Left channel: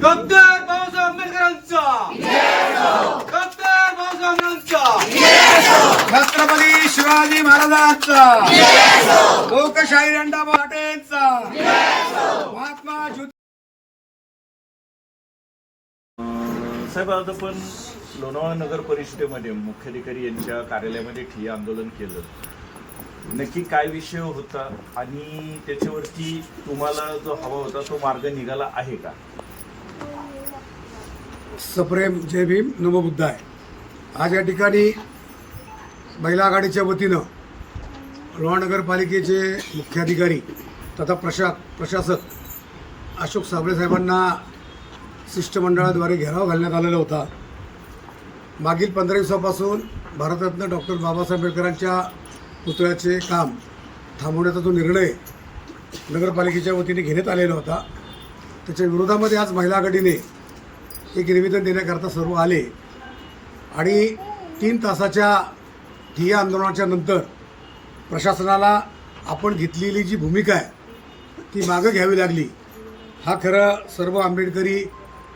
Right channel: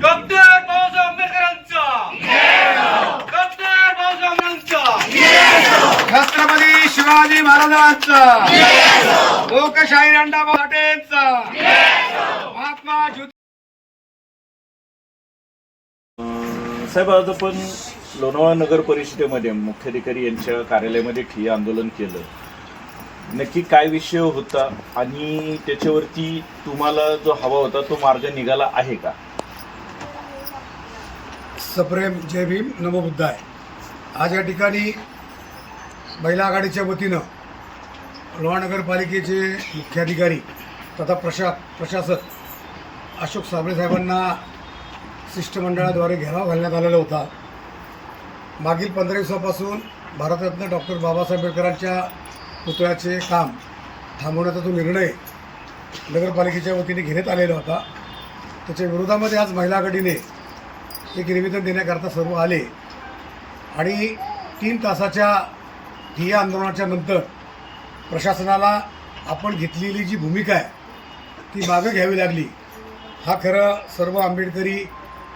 Doctor Babasaheb आंबेडकरांचा. Doctor Babasaheb आंबेडकरांचा. छत्रपती शिवाजी महाराजांचा. लोकशाही रंडा पाटेंचा साहेब आज आपण लोणावळा नगर परिषदेमध्ये मुख्याधिकारी यांच्या कार्यालयामध्ये ठिय्या आंदोलन केलं. नक्की काय विषय होता आणि त्याच्यावरती तुम्हाला जो हवा होता तो मार्ग निघाला आहे का? सप्रेम जय भीम नमबुद्धाय. आज या ठिकाणी महिला आघाडीच्या वतीनं लोहा नगरपालिकेचे मुख्याधिकारी तथा प्रशा प्रशासक अशोक साबळे साहेबांना शिष्टमंडळाद्वारे घेराव घालण्यात आलेला होता. मागील पंधरा दिवसापासून भारतरत्न डॉक्टर बाबासाहेब आंबेडकरांच्या पुतळ्याचे काम थांबवण्याचा जो निर्णय नगरपालिकेच्या वतीने घेण्यात आलेला होता त्याच्या विरोधामध्ये आज महिला आघाडीने एक निवेदन देण्याकरता सर्व आले आणि तीन तासाच्या ठिय्या आंदोलनाच्या नंतर प्रशासनाला आपण घेतलेली जी भूमिका आहे ती मागं घ्यावी लागली. हा खरं सर्व आंबेडकरी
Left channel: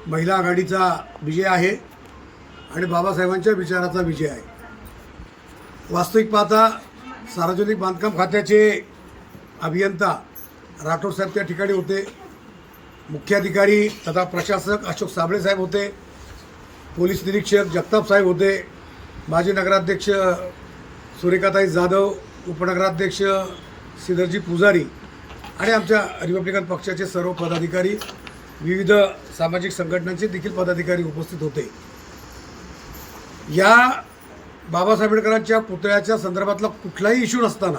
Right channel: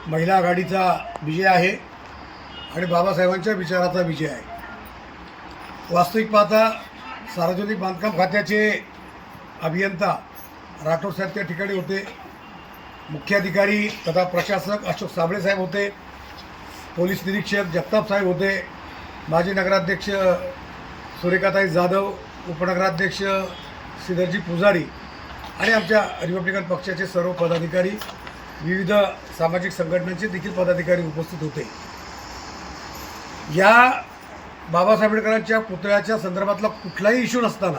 महिला आघाडीचा विजय आहे आणि बाबासाहेबांच्या विचाराचा विजय आहे. वास्तविक पाहता सार्वजनिक बांधकाम खात्याचे अभियंता राठोड साहेब त्या ठिकाणी होते. मुख्याधिकारी तथा प्रशासक अशोक साबळे साहेब होते. पोलीस निरीक्षक जगताप साहेब होते. माजी नगराध्यक्ष सुरेखाताई जाधव उपनगराध्यक्ष श्रीधरजी पुजारी आणि आमच्या रिपब्लिकन पक्षाचे सर्व पदाधिकारी विविध सामाजिक संघटनांचे देखील पदाधिकारी उपस्थित होते. या बाबासाहेब आंबेडकरांच्या पुतळ्याच्या संदर्भातला कुठलाही इश्यू नसताना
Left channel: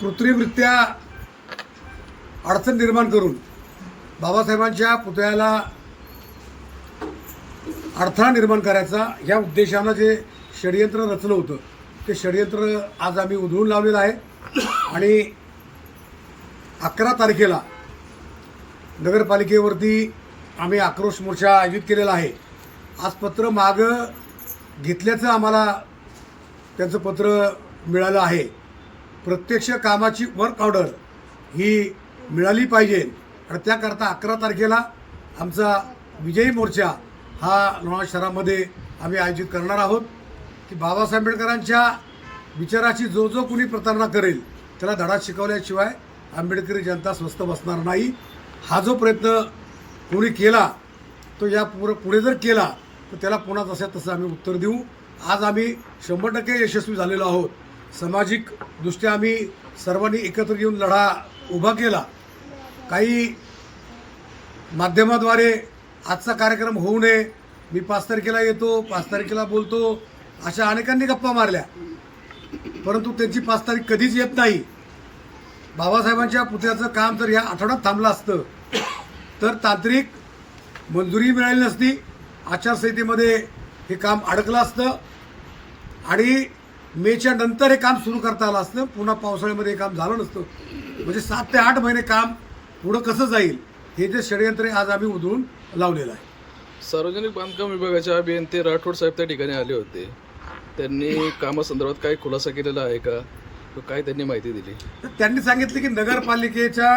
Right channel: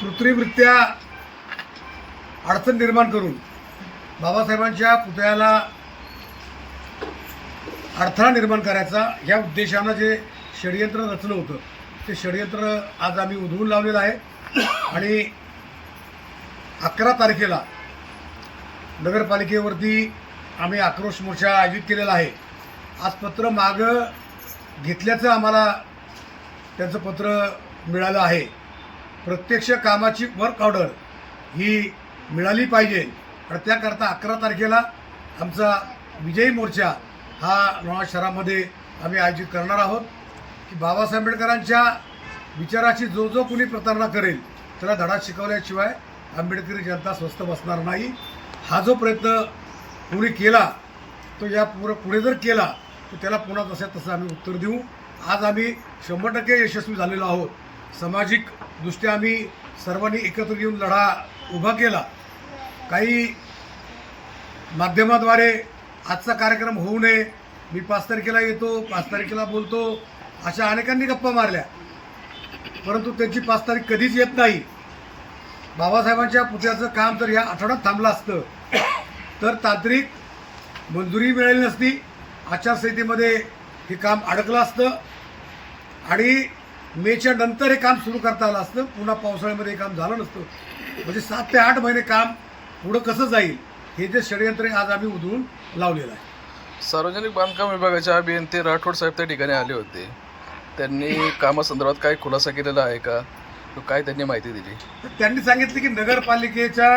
कृत्रिमरित्या अडचण निर्माण करून बाबासाहेबांच्या पुतळ्याला अडथळा निर्माण करायचा या उद्देशानं जे षडयंत्र रचलं होतं ते षडयंत्र आज आम्ही उधळून लावलेलं आहे. आणि अकरा तारखेला नगरपालिकेवरती आम्ही आक्रोश मोर्चा आयोजित केलेला आहे. आज पत्र मागं घेतल्याचं आम्हाला त्यांचं पत्र मिळालं आहे. प्रत्यक्ष कामाची वर्क ऑर्डर ही मिळाली पाहिजे. आणि त्याकरता अकरा तारखेला आमचा विजयी मोर्चा हा लोणावळा शहरामध्ये आम्ही आयोजित करणार आहोत. की बाबासाहेब आंबेडकरांच्या विचाराची जो जो कुणी प्रतारणा करेल त्याला धडा शिकवल्याशिवाय आंबेडकरी जनता स्वस्त बसणार नाही. हा जो प्रयत्न कोणी केला तो या पुढे पुढे जर केला तर त्याला पुन्हा तसं तसं आम्ही उत्तर देऊ. आज आम्ही शंभर टक्के यशस्वी झालेलो आहोत. सामाजिक दृष्ट्या आम्ही सर्वांनी एकत्र येऊन लढा उभा केला. काही माध्यमाद्वारे आजचा कार्यक्रम होऊ नये. मी पाच तारखेला येतो पाच तारखेला बोलतो अशा अनेकांनी गप्पा मारल्या. परंतु त्यांची पाच तारीख कधीच येत नाही. बाबासाहेबांच्या पुतळ्याचं काम जर या आठवड्यात थांबलं असतं. तर तांत्रिक मंजुरी मिळाली नसती. आचारसंहितेमध्ये हे काम अडकलं असतं. आणि मेच्या नंतर हे काम सुरू करता आलं असतं. पुन्हा पावसाळ्यामध्ये हे काम झालं नसतं. म्हणजे सात ते आठ महिने काम पुढं कसं जाईल हे जे षडयंत्र आज आम्ही उधळून लावलेलं आहे. सार्वजनिक बांधकाम विभागाचे अभियंते राठोड साहेब त्या ठिकाणी आले होते. त्यांनी कामासंदर्भात काही खुलासा केलेला आहे का? तो काय त्यांनी माहिती दिली? तर त्यांनी सांगितले की नगरपालिकेच्या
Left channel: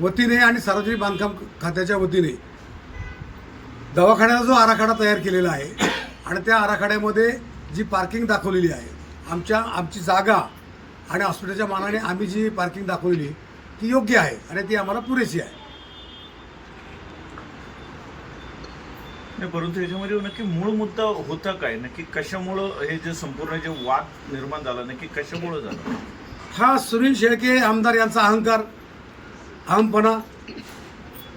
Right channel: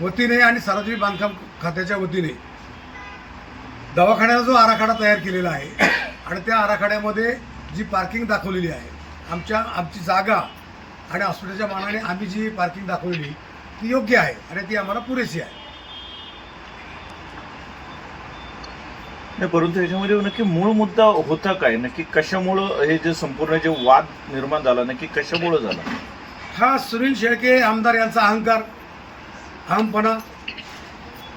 वतीने आणि सार्वजनिक बांधकाम खात्याच्या वतीने दवाखान्याचा जो आराखडा तयार केलेला आहे आणि त्या आराखड्यामध्ये जी पार्किंग दाखवलेली आहे आमच्या आमची जागा आणि हॉस्पिटलच्या मानाने आम्ही जी पार्किंग दाखवलेली ती योग्य आहे आणि ती आम्हाला पुरेशी आहे. नाही परंतु याच्यामध्ये नक्की मूळ मुद्दा होता काय? नक्की कशामुळं हे जे संपूर्ण जे वाद निर्माण झाला नक्की कशामुळं झाला? हा सुनील शेळके आमदार यांचा अहंकार अहमपणा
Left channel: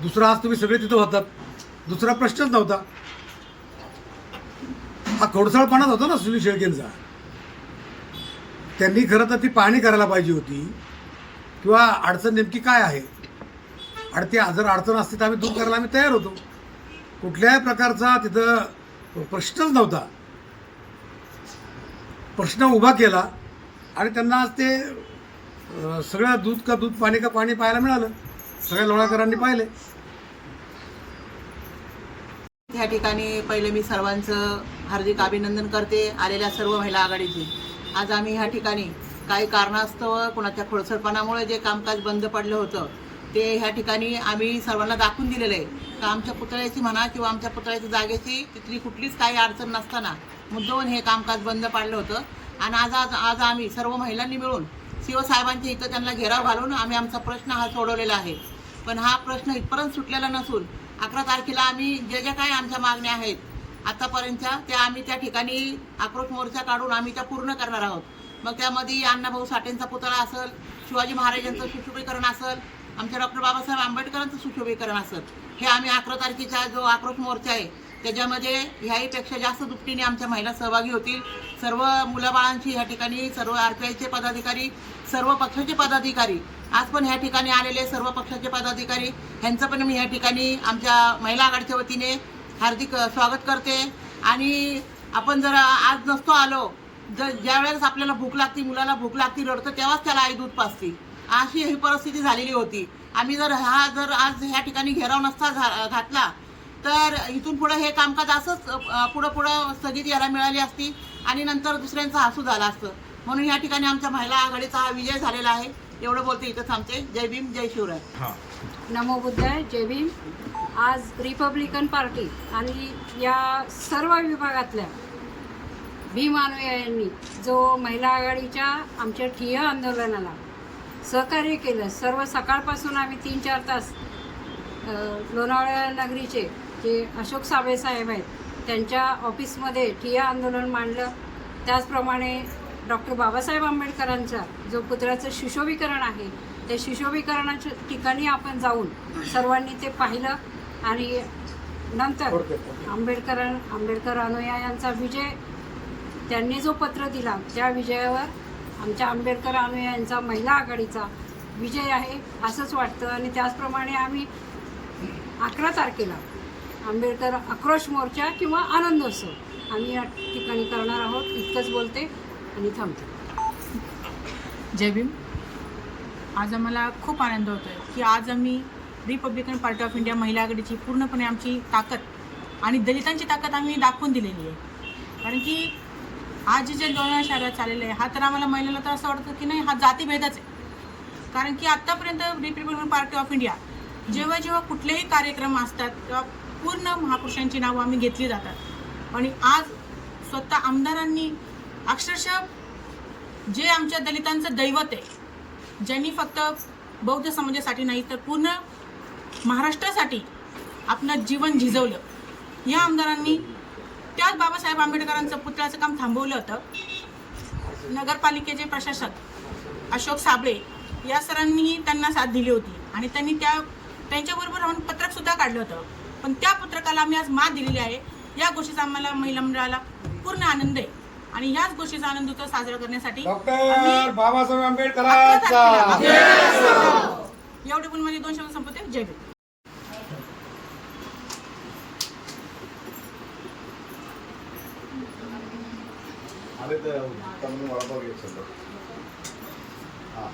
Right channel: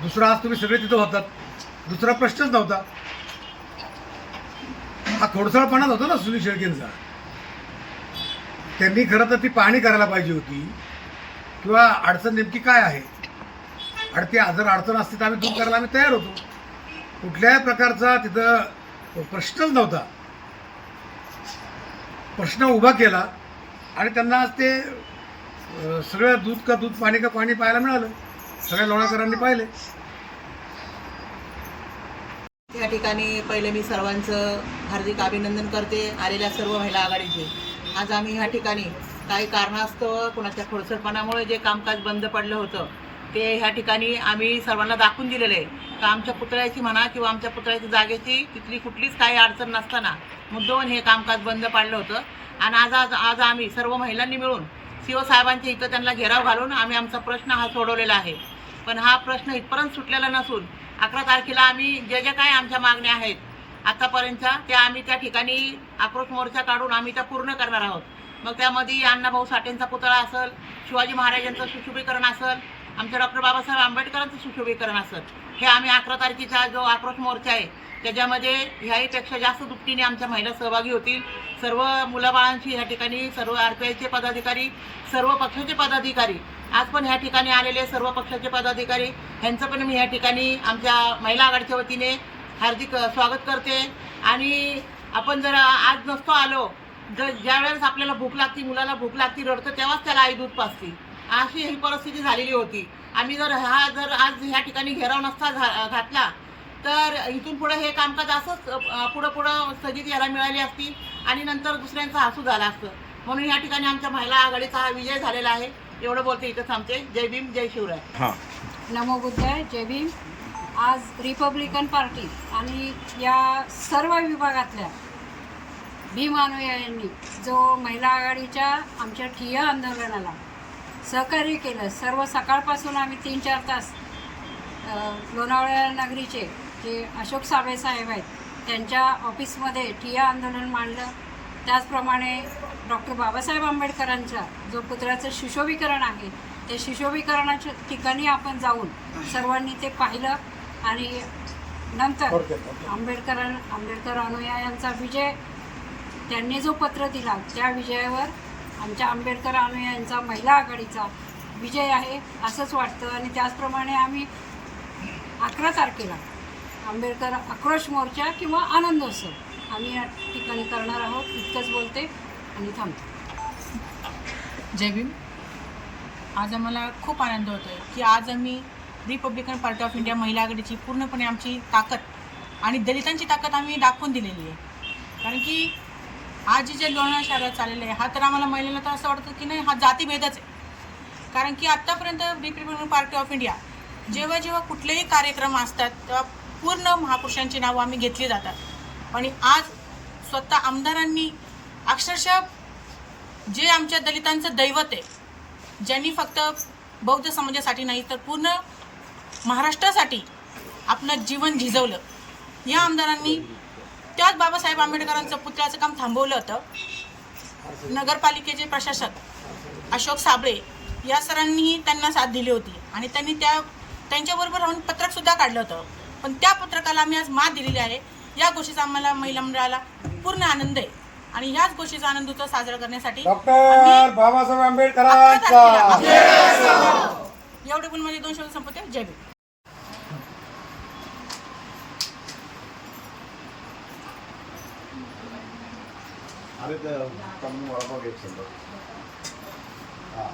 दुसरा आज तुम्ही सगळे तिथं होतात. दुसरा प्रश्नच नव्हता. हा खोडसाळपणाच होता ना सुनील शेळकेंचा. त्यांनी खरं तर ती पाहणी करायला पाहिजे होती. किंवा अडचण नेमकी काय आहे? आणि ती जर अडचण असते तर आम्ही दूर करायला आम्ही तयार होतो. कुठल्याही प्रकारचा तिथं प्रश्नच नव्हता. प्रश्न उभा केला आणि त्यांना आज ते सगळं दूध का दूध पाणी का पाणी पाहायला मिळालं. सगळ्या लोळाकरांनी पाहिले. या ठिकाणी पहिलं मी सर्वांचं हार्दिक अभिनंदन करते आलेल्या सर्व महिला आघाडीचे. आज आम्ही ह्या ठिकाणी काही कारणास्तव कुणाच्या खोडसरपणामुळे जे कामकाज बंद पडलं होतं ते ह्या ठिकाणी आम्ही सर्वांना दाखवून दिलेलं आहे. का आमच्या पुतळ्याची म्हणा किंवा आमच्या पुतळ्याच्या जागेची तिथली कुठलीच काही अडचण नसताना मुद्दामून हे कामकाज बंद पाडलं होतं. आणि आज आज आज आम्ही सर्व महिलांनी मिळून शिवसाहेबांच्या इथं त्यांना घेराव घालून आम्ही आमचा प्रश्न हा सोडवलेला आहे. पण हा प्रश्न इथपर्यंत सुटलेला नसून अकरा तारखेला आम्ही ज्या ज्या काय आमच्या मागण्या आहेत आतापर्यंतच्या त्या आम्ही त्या ठिकाणी आक्रोश मोर्चा काढून आम्ही त्या पूर्ण करणार आहोत. मग त्यामध्ये अण्णाभाऊ साठेंचा पुतळा असेल शिवाजी महाराजांचं सुशोभीकरण असेल आमच्या डॉक्टर बाबासाहेब आंबेडकरांचं सुशोभीकरण असं. हे आम्ही अकरा तारखेचा जो आक्रोश मोर्चा आहे त्याच्यामध्ये ह्याहीपेक्षा जास्त दुपटीने आमच्या महिला सहभागी होतील. सर्व मुलाबाळांची ह्या ठिकाणी सर्व आर पी आयचे पदाधिकारी सर्व पक्षाचे पदाधिकारी आज पण ह्या ठिकाणी आलेले सर्व पक्षाचे पदाधिकारी. ह्यांचं पण मी ह्या ठिकाणी आमच्या महिला आघाडीच्या वतीने हार्दिक स्वागत करते. आणि आपण जर आज नसतो आलो जर ज्या वेळेस आपल्याला भूक लागती मुलाला भूक लागती रडतं तेव्हाच त्याला आई दूध पाजती. अशी ही परिस्थिती झालेली होती. आम्ही जर हा जर आज ह्या ठिकाणी घेराव नसता घा- घातला तर इथून पुढे हे कामकाज असंच पुढं पुढं स्थगिती याला मिळाली असती आणि नंतर दुसऱ्यांचा हसू झाला असतं. म्हणून या ठिकाणी आमच्या महिला आघाडीचा हा विजय झालेला आहे. एवढं बोलते इथं थांबते. जय भीम जय शिवराय. हां. नमो बुद्धाय जय भीम. आज रिपब्लिकन पार्टी आणि या सर्व विभागातल्या भीम अनुयायांनी जो महिला आघाडीच्या आमच्या ठिय्या आंदोलनाला सहकार्य केलं. सर्व सकाळपासून आम्ही तीन चार तास अ, लोणावळा नगरीचे जे अशोक साबळे साहेब आहेत त्यांच्या ऑफिसमध्ये ठिया आंदोलन मांडलं. त्याचप्रमाणे डॉक्टर बाबासाहेब आंबेडकरांचा जो पुतळ्याचं सुशोभीकरण आहे त्या सुशोभीकरणाच्या ठिकाणी आपण जाऊन सर्वांनी ते पाहिलं आणि नंतर आंबेडकर आंबेडकर अनुयायांचा विजय त्यांनी जो पत्र दिला त्या विजयावर आमच्या आंबेडकर अनुयायांचा महिला आघाडीचा विजय आहे असंच वाटतं. आणि त्याचप्रमाणे आम्ही अकरा तारखेला आंबेडकर आक्रोश मोर्चा किंवा आनंदोत्सव आम्ही या ठिकाणी करणार आहोत. इतकंच बोलते आणि थांबते. जय भीम. आज आम्हाला खूप आनंद होतो आहे की आज आम्ही रिपब्लिकन पार्टी ऑफ इंडिया महिला आघाडीची पूर्णपणे आमची ताकद आणि दलितांची ताकद आम्ही दाखवून दिलेली आहे. कारण की आज जे लोणार शहरात चाललेलं आहे हा तर आम्हाला महिलेला तर असं वाटतं की नाही हा जातीभेदच आहे. कारण की आत्तापर्यंत रिपब्लिकन पार्टी ऑफ इंडिया जेव्हा जेव्हा कुठलेही कार्यक्रम असतात तेव्हा पूर्ण महापुरुषांची नावं आम्ही घेतली जातात. आणि आज स्वतः आमदारांनी अक्षरशः जे आमच्या दलितांचं दैवत आहे ज्यांनी फक्त बौद्ध समाजासाठी नाही तर पूर्ण महाराष्ट्रासाठी आपलं जीवन झिजवलं या आमदारांनी त्याच बाबासाहेब आंबेडकरांचं पुतळ्याचं काम थांबवलं होतं. नगरपालिकेचे प्रशासक अशोक साबळे या सरांनीही त्यांना साथ दिली होती आणि त्यांनी त्या त्यांच्याबरोबर राहून पत्रकसुद्धा काढलं होतं. पण त्या पत्रकाला आम्ही आज मात दिलेली आहे. या गोष्टीचा आम्हाला महिला मंडळाला पूर्ण आनंद आहे. आणि ह्याच गोष्टीचा आनंद उत्सव साजरा करण्यासाठी बाबासाहेब एवढे पण माझे दोन शब्द संपवते. जय भीम. तर चांगली वडापाव घेत हां.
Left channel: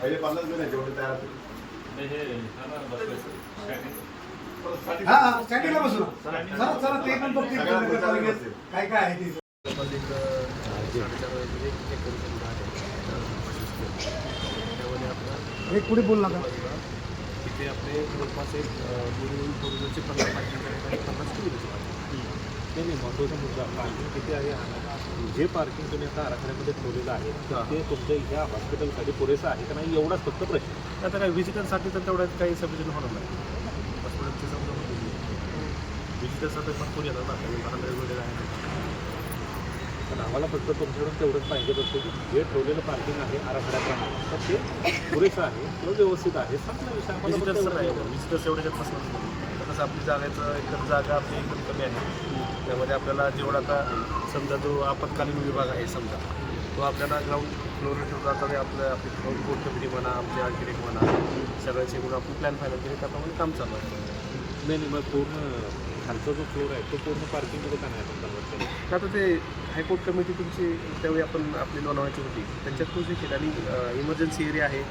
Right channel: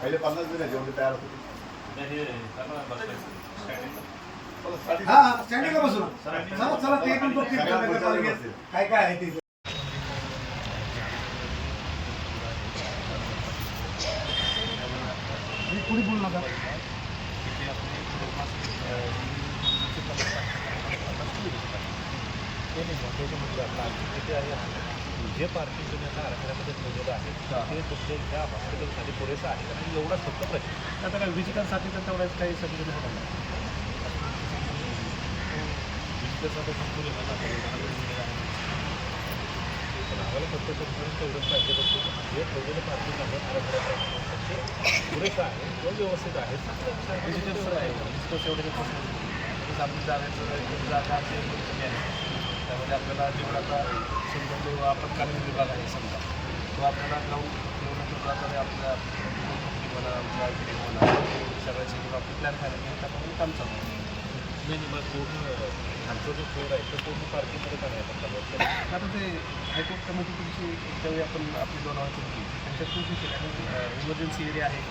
पहिले पन्नास मिनिट जेवढे तयार होते. हा स्टँडिंगला बसू ना. चला चला ते पण बघतील सगळ्या नगरपालिकेत बसतील. काय काय आहे ते. हे पुढे बोल नका. महत्त्वाचा मुद्दा पार्किंग किती आहे जे पार्किंग तुम्ही एका आराखड्यामध्ये ठेवलेलं आहे ते तुमच्या ह्या हॉस्पिटलसाठी पुरेसं आहे का नाही? एवढाच फक्त प्रश्न. आता काही विजिटरसाठी तर तेवढं काही सबसिडी होणार नाही. विजिटरसाठी. पण आम्हाला फक्त परिपूर्ण तेवढंच पाहिजे होतं की जे ठेवलेलं पार्किंग आहे आराखड्याप्रमाणे तर ते पुरेसं आहे तो व्यवस्थित आहे. विजिटर्स एवढे आपली जागाचं एकदम जागा आपली एकदम कमी आहे. त्यामध्ये आपल्याला जेवढा आता समजा जो आपत्कालीन विभाग आहे समजा तो आपल्याला ग्राउंड फ्लोअर ठेवला तरी आपल्या आपली कोर्ट कमिटी म्हणा आमची आर्किटेक्ट म्हणा सगळ्याचे आपण प्लॅन फायनल केले त्याप्रमाणे काम चालू आहे. नाही नाही मग पूर्ण खालचा जो फ्लोर आहे तो पूर्ण पार्किंगमध्ये तर आता ते रिपोर्ट कमिटी तुमची त्यावेळी आपण आपली लोणावळ्याची होती. त्यांच्यात तोच विषय आणि इमर्जन्सी एरिया आहे.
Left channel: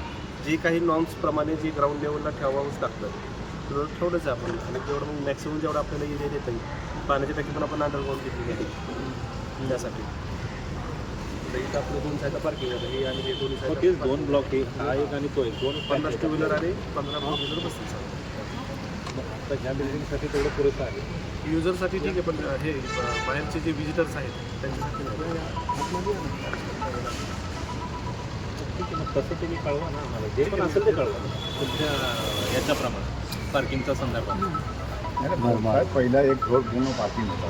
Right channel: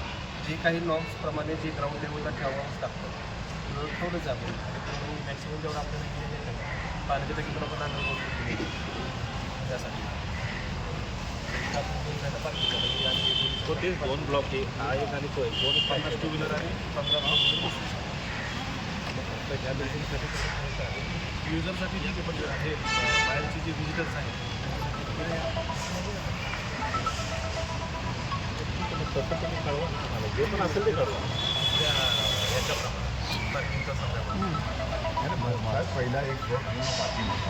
जे काही नॉर्म्सप्रमाणे जे ग्राउंड लेवलला ठेवावंच लागतं. आहे आपण जेवढं मॅक्सिमम जेवढं आपल्याला एरिया देता येईल पाण्याची टाकी पण आपण घेतली गेली आपलं दोन साईडला पार्किंग आहे आणि दोन्ही ते? दोन ब्लॉक एक हा। एक आणि तो एक दोन पन्नास टू व्हीलर आणि पंधरा फोर व्हीलर त्या बिल्डिंगसाठी तेवढं पुरेसं आहे युजरसाठी ठीक आहे पण हे बाहेरचे जे विजिटर्स आहेत त्यांच्यासाठी तसं तुम्ही कळवा ना. जे पण असेल ते कळवा तुमच्या याच्याप्रमाणे पार्किंगच्या संदर्भात पहिला एक जो पूर्ण पार्किंग होता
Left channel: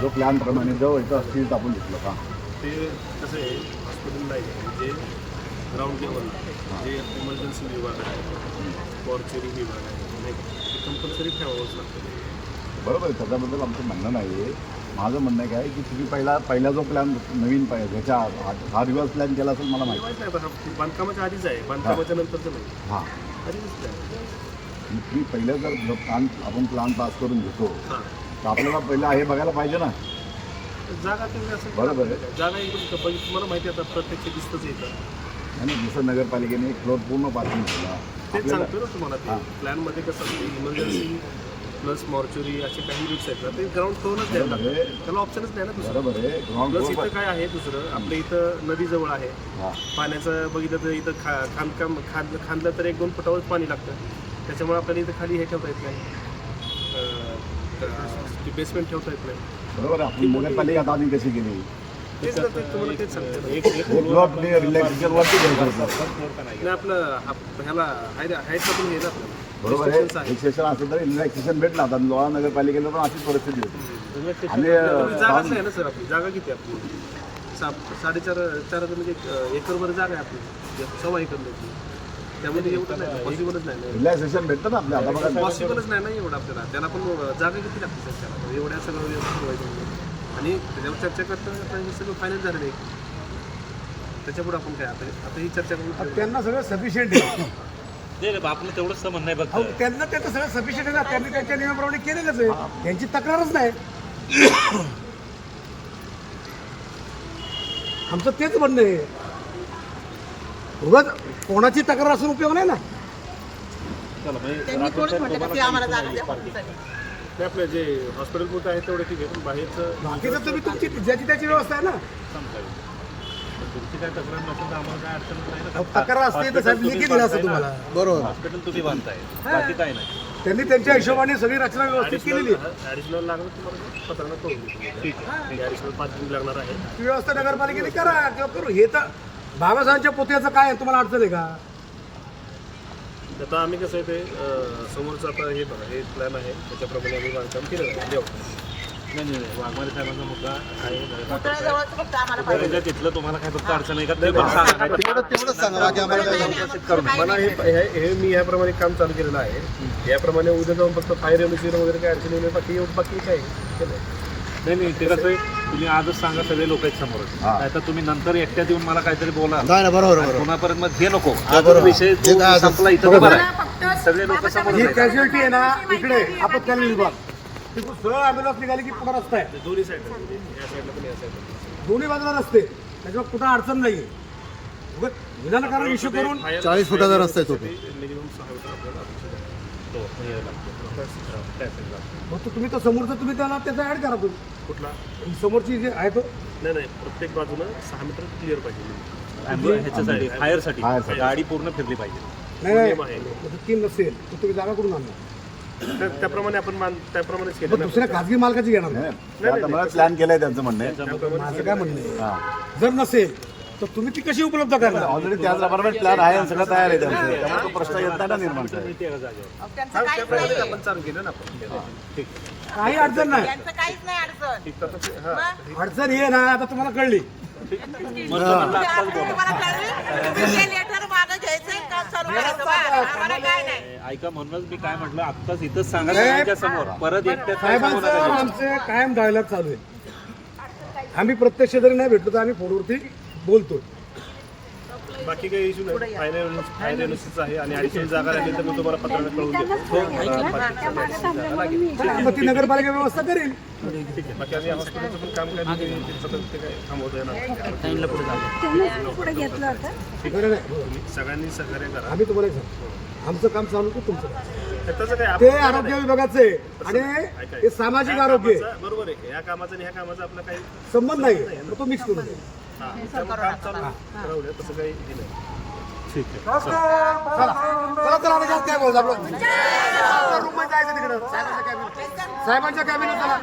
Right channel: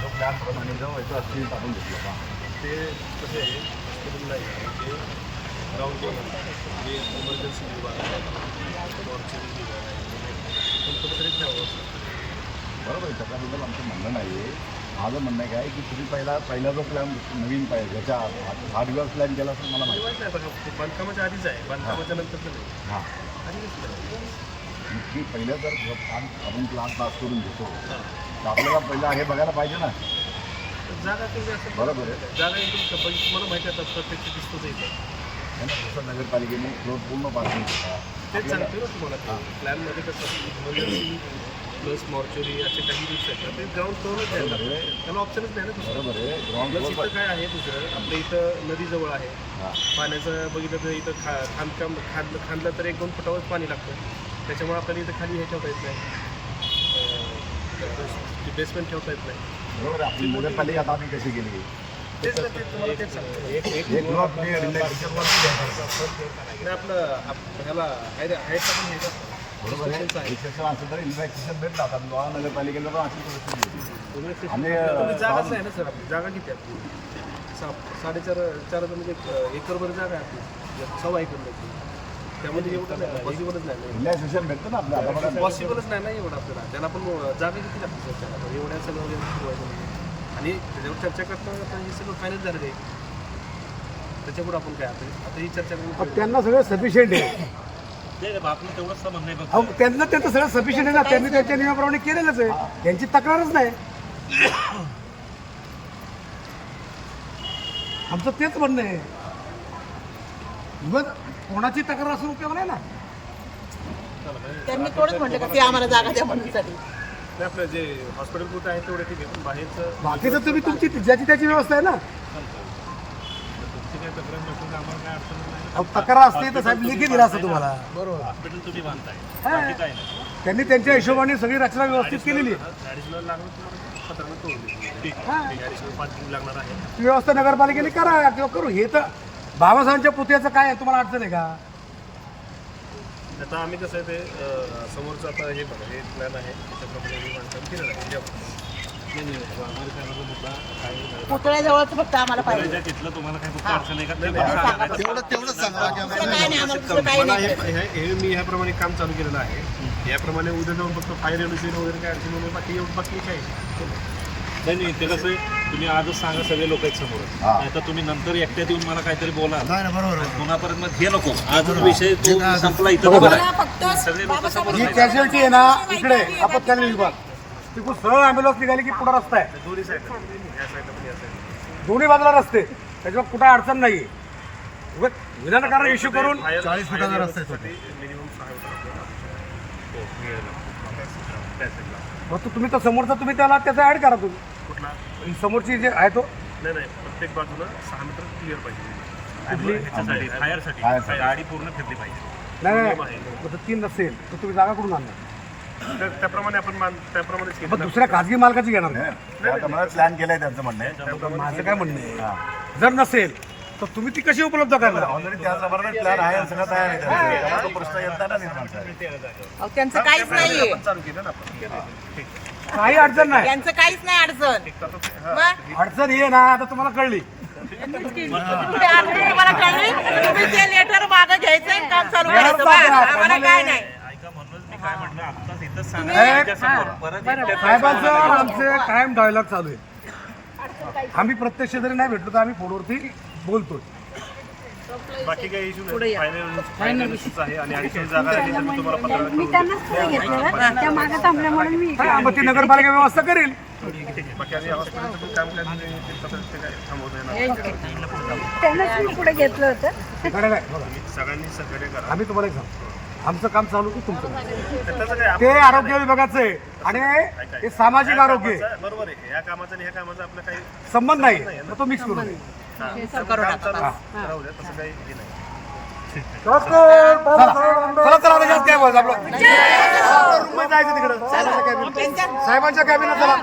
जो प्लॅन प्रमाणे जो इथं असतील आपण घेतलं का? ते कसं आहे हॉस्पिटलला आहे जे ग्राउंड लेवलला जे इमर्जन्सी विभाग आहे मॉर्चरी विभाग आहे कंपल्सरी ठेवावंच लागतं. बरोबर आहे त्याच्याबद्दल आमचं म्हणणं नाही आहे. माझं म्हणणं आहे काय की तुम्ही पहिला पहिला जो प्लॅन नवीन पाहिजे ज्याच्या हा- हा दिवस प्लॅन केला असेल मला माहिती. हा बांधकामाच्या आधीच आहे बांधकामाच्या नंतरचं नाही. हां. तुम्ही पहिल्या जर प्लॅन आपण प्लॅन पास करून घेतो तर आपल्याला पहिला हे बघायला पाहिजे ना. तर जागा तेवढी असेल बरोबर. आहे. जागा एकदम बघित तुम्हाला माहिती आहे आता प्रत्यक्ष दिसतंच येतं ना जसं नगरपालिकेने फ्लोर पूर्ण पार्किंग केला. तेच सांगतो ना तुम्हाला. प्लॅनमध्ये कसं इमर्जन्सी प्लस मॉर्चरी असे काही रूट्स आहेत ना ते ग्राउंड फ्लोअरच द्यायला. लागतात. त्याला ऑप्शनच नाही ना दुसरं प्लस इथं काय आहे दुसरं आपल्या इथं नदी जवळ आहे पाण्याचं बघितलं तर इथं खा खांदकाम खांद खांदलं तर एक दोन फुटावर पाणी लागतं. त्याच्यामुळे आपल्याला इथं खाली हे ठेवता येत नाही. बेसमेंट ठेवता येत नाही. बरोबर आपली नगरपालिका आता आम्ही कशी केली तेच ना ते तुम्हाला तेच सांगतो. एक एक एक ब्लॉक रिलॅक्सेशन वरती घ्यायचं होतं नाही आपलं आप- ह्याला हाय हायटला पण हे ना आपल्याला. बरोबर आहे. रिलॅक्सेशन असेल तर रिलॅक्सेशन भेटलं. आता लोहा नगरपालिकेला पण अशीच परिस्थिती होती. अं, आपली जागाच नाही ना सर आपली. जागा किती आहे आपली? सा साडेचार चार म्हणजे एक, अं, एकरभर जागा आहे आपली. सव्वा एकर नाही त्यामध्ये एवढं नाही पॉसिबलच नाही ना. रिलॅक्सेशन भेटतं ना आपल्या. आता बघा पॉसिबलच नाही ना एवढं आपल्याला. त्याला पण जागा किती लागते सर त्याला? एवढ्या सगळं सुरवायचं म्हणजे आणि त्याच्यावर चर्चा करता करता हे सगळं फायनल झालेलं आहे. त्याच्यापुढे आपण काय आता आता ही चर्चा करून त्यांना सगळं सफिशियंट आहे. ते आपण तेवढंच म्हणणं आहे अहो, फक्त त्यांना त्यांचं सगळं सफिशियंट आहे ना. त्यांनी त्यांच्या नियमाप्रमाणे केलेलंच आहे. त्यांची तक्रारच नाही. आमचं तेच म्हणणं आहे. उगाच कोणाची तक्रार असून उपयोग नाही ना. त्यांनी थोडंच म्हटलं का ते आम्हाला जागा द्या म्हणून साठी नाही आपलं जे हॉस्पिटल कुठं आहे तेवढे ठीक आहे पण बाहेरचं बाकीचं तुम्ही तुमची ज्याची त्याची व्यवस्था आहे ना. तक्रार नसेल तर आम्हाला काय अडचण नाही. ना. अहो, तक्रार असते तर साहेब लिखी दिला असतं तुम्हाला. हॉस्पिटल तुम्ही बांधताय. बाकी काय नाही. त्यांनी त्यांच्या हिशोबाने सगळी रचना व्यवस्थित केलेली आहे. ॲडिशनल लागलं तुम्हाला पत्रानं करून देतो ठीक आहे. ॲडिशनल पार्किंग लागणार आहे. ती व्यवस्था नगरपालिकेने करा आपल्याला करू. हे तर बाबासाहेबांच्या पुतळ्याचं काय आहे? तुम्हाला अडचण आहे का? आता आम्ही कसं आहे ते अं, समोरचं आता हे बघा हे प्लॅन आहे. त्याच्याप्रमाणे आम्ही बांधकाम केलेलं आहे. लेआउट. नाही नाही नाही. वाघमारे साहेबांचा मुद्दा काही नाही. पुतळ्याजवळच फक्त आम्हाला पाहिजे. त्या तिथलं तुम्हाला फक्त अडचण आहे का? ते पण सांगा. नाही तर- नाही, नाही, आम्हाला दुसरं काही मला नाही. हे मी ह्याप्रमाणे काम चालू केलेलं आहे. याप्रमाणे उद्या जाऊन फक्त फायर एनर्जी वगैरे काय अडचण नाही बाकी एवढं बाकी काय ते नाही. नाही नाही ते कसं आहे, तुम्ही आजच सांगा सगळे लोक आहेत समोर. हा. नाही तर तुम्ही नंतर एकट्यात येऊन मला काहीतरी बोला. बरोबर आणि पुन्हापर्यंत मग हे नको. आज विषय तो संपला इथं बघा. सगळे लोक समोर ही आहेत. कॅज्युअल्टी आहे ना इकडे आपत्कालीन विभाग. तिकडून सरळ ॲम्ब्युलन्स निघाली की पुढे रस्ता आहे. ते दोन्ही साईडला म्हणजे या साईडला पण या साईडला पण. दोन्ही बाजूला रस्ते. त्याच्यामुळे कुठं अडचण नाही विनाकारण इश्यू करून चाळीस फुटाचा रस्ता आहे तो. मिनिमम सहा आपल्याला आहे. हो, हे साईडला. मग तो तुम्ही तर समोरचा तुम्ही त्याला त्याचा ऍड करा तुम्ही. कुठला? समोरची जे आहे तो नाही नाही. प्रत्येक बाजूला सहा मीटर क्लिअर पाहिजे. फायरसाठी फायरसाठी. गाडी पूर्ण फिरली पाहिजे. नाही. मग तो तीन नसेल तर तुम्ही जागा करून आणणार? तर त्याप्रमाणे आपण मान त्याप्रमाणेच केलं. मग ना. दुसऱ्या खाजगी मालकाची घेणार मला प्लॅन केलाय त्यांचं म्हणणं. आहे माझं काय म्हणणं आहे? जर नसेल तर तुम्ही ती कशी उपलब्ध करणार? ऑलरेडी त्याचप्रमाणे प्लॅन आहे आणि सगळं तयार आहे त्यांचं. तो प्रश्न येत नाही ना निर्माण अहो, त्यांचं काहीच त्याप्रमाणे नाहीये. आपण चालू केलं ना आपण. ठीक काही अडचण नाही. त्यांचं काहीच नाही अडचण. तर ते- हा. मग? अडचण ही आहे ना आता तुम्हाला कळली. ते अडचण तुम्हाला कळली? तुम्ही ते लेटर मागं घ्यायचं काम चालू करायचं. बस. आम्हाला काय नाही. ऐका म्हणूनच मी काय म्हटलं आत्ताच इथंच सांगा समोर. परत एकट्यात साहेबांचं आमचे कायम डायलॉग चालू आहे. आम्ही प्रत्यक्ष जरी नाही भेटलो तर आम्ही फोनवरती बोलतोय. बाकी काही इश्यू नाही. फायनल फायनल आहे आणि ॲडिशनल जागा राहिली तर मी तुम्हाला देतो. हा, मग ती नगरपालिका व्यवस्था करेल. बाकी हॉस्पिटलचं पण काम काय पत्र थांबवता येणार पुढे घेतलं होतं. हे सगळ्यांनी सहकार्य करा. आम्ही तुम्हाला एक सांगतो. आमचं काम चालू की तुमचं ते आरोग्य विभागाचं आहे. आणि हे सामाजिक आरोग्य बरोबर आहे. ह्या कामाचा आणि ह्या कामाचा आपला काही संबंध नाही. तो मिक्स करू नये हा. काम चालू राहू द्या तसं काही हे नाही. चला. चला. चला आता जास्त काय बोलायचं आपलं? रूममध्ये जायचं तिकडं. साहेबांच्या कॅबिन. साहेबांच्या चला.